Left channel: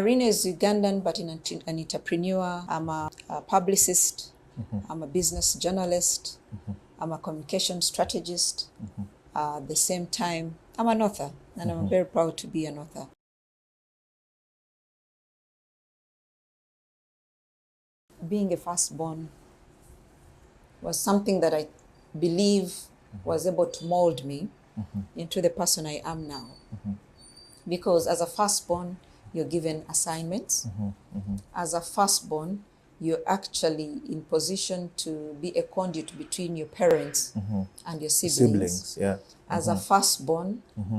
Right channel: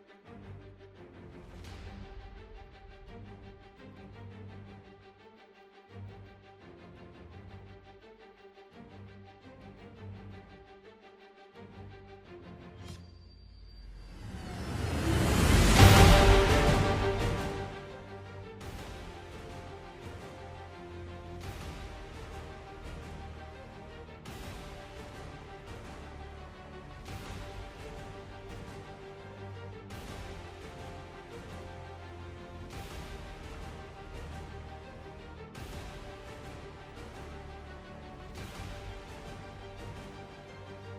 Irene is Ugandan, but an entrepreneur. I'm a publicist. I'm a business journalist. I'm a communication strategist. At the same time, I'm an author, and I'm very proud to be an author. Being a firstborn was something that I believe was able to mold me into the person I am now. Because as a firstborn, you're given assignments. As a firstborn, you're actually in position to be a conduit between your parents and your siblings. Yeah. As a firstborn,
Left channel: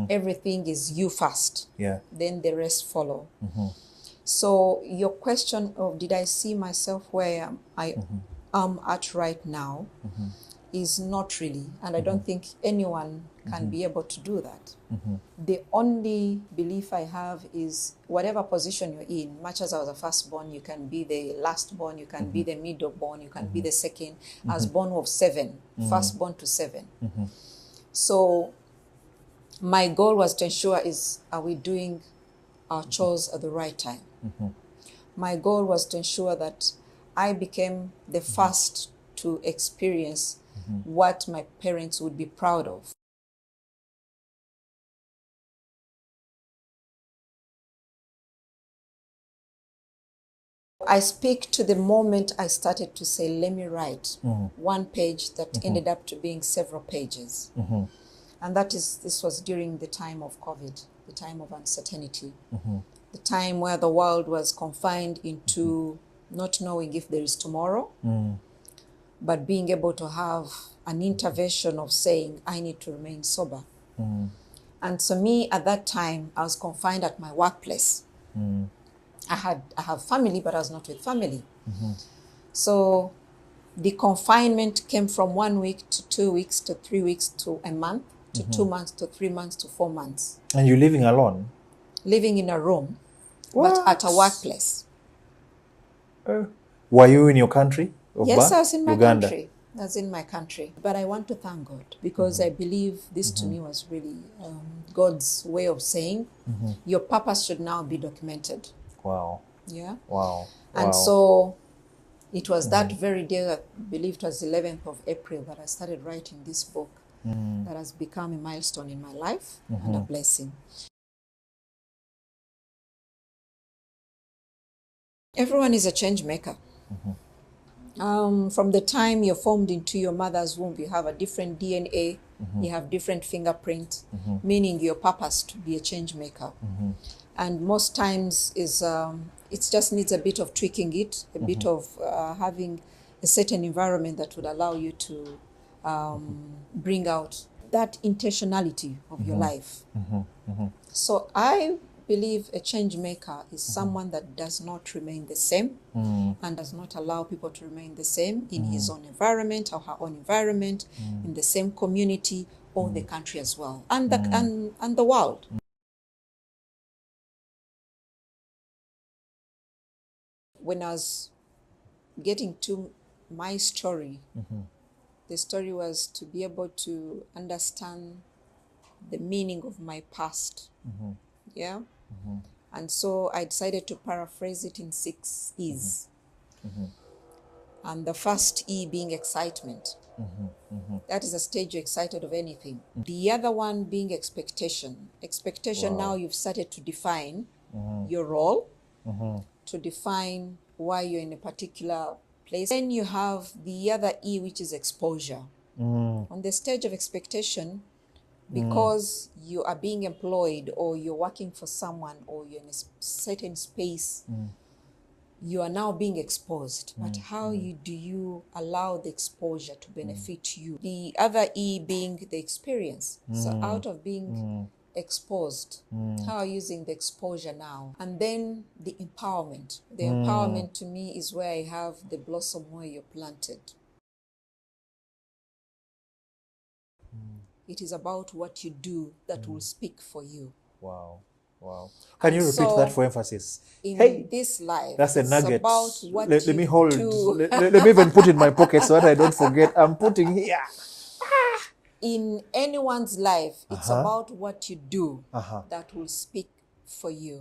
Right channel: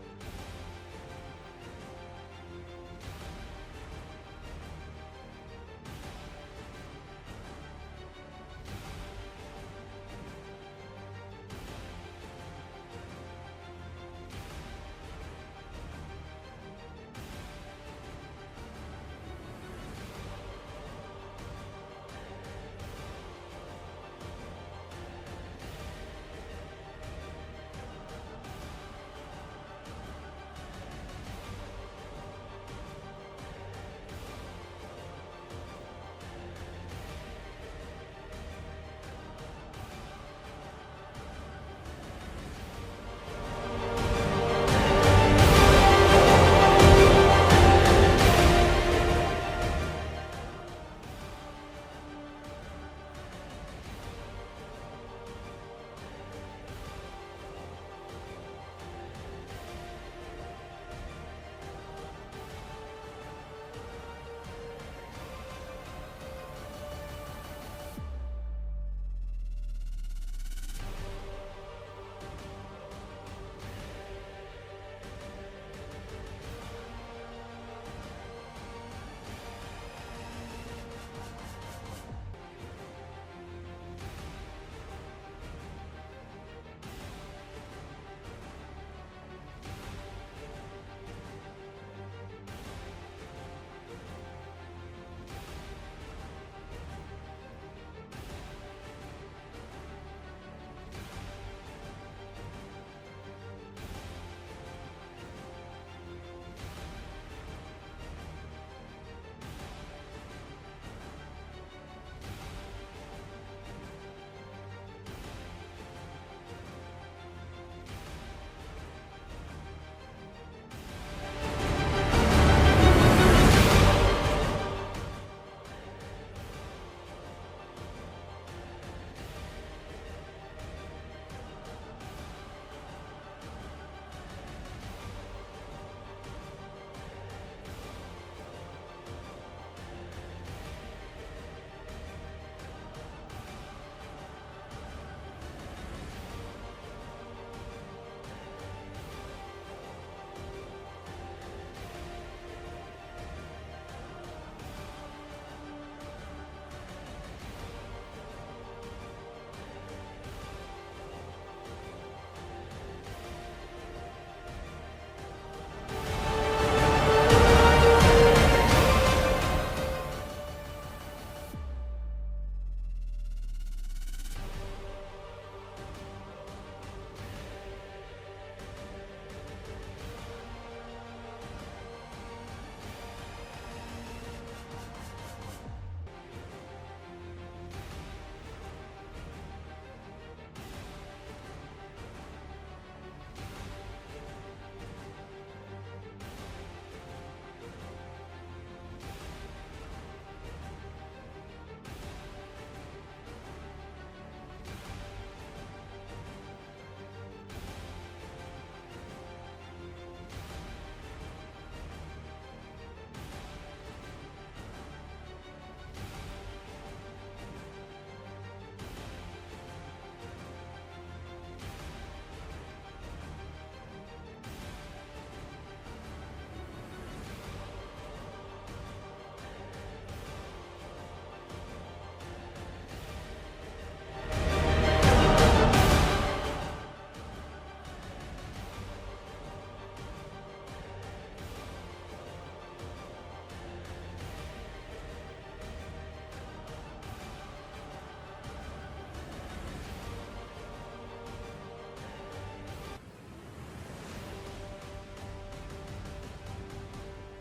everything is you first. Yeah. Then the rest follow. So your question of did I see myself where I am at right now is not really, and I don't think anyone can be able to do that. The only belief I have is whatever position you're in, much as I was a firstborn, you can be the lastborn, you can be the middleborn, you can be the second. I was born of 7, firstborn to 7. So my goal was to ensure are we doing our chores at the right time. My goal was to ensure that I became the first to experience what my parents would be proud of. I speak to the moment I started to say, let me write one page that ended up to being several pages. And this was during the time of COVID, the time of uncertainty, the time where the world was confined into not knowing if there is tomorrow, but being able to have an intervention of saying, I need to remain sober. And so me, at that time, I was confined at my workplace. I have family, but I was not with family. So the confinement came from 1 week to 2 weeks to 3 weeks to a month to 2 months to 3 months to 4 months. And you're living alone? Living in a room, but at a workplace. Were you in your country of Yes, birth? I was in my Uganda. country. I was in my country. But I want to thank God because I believe this to me was really God's way of saying your purpose should now be documented. Wow. Yeah. Wow. And so it was that very day, I believe it was 11th of April, that I started writing this book that has become a milestone in my life and a blessing. Everyone is a change maker. From the time you're formed into your mother's womb, you have a different DNA, you have different fingerprint, meaning your purpose to be a change maker. And most times it just needs a bit of tweaking it, a bit of having a certain environment that would allow you to bring out that intentionality of your life. So I believe a change maker is someone that does not remain the same and does not allow people to remain the same in his own environment or her own environment, in the same community or the country as well, and the world. When I was getting to my story, the story was to be able to understand the meaning of my past. Yeah. And so I decided to paraphrase it in 6 E's. And the first E being excitement. That is a stage you're excited of anything. The other one being expectation. Expectation, now you've started to define your role, to define why you're in a particular place. Then you have the other E, which is exposure. On the stage of expectation, because you are being employed or you're working for someone or you're in a certain space, you are now being exposed. But how do you allow the exposure to benefit you? The other E being the experience. So out of being exposed, how are you using the exposure now? And then the empowerment. The empowerment to me is where I have the blossom where you're planted. It is about what you do that will speak for you. Wow. Can you repeat that for emphasis? In this life, that's a nugget. It's about what let you me hold. do. Let me even put it in my pocket so that I don't forget. I'm putting here. In anyone's life, it's about what you do that will speak for you.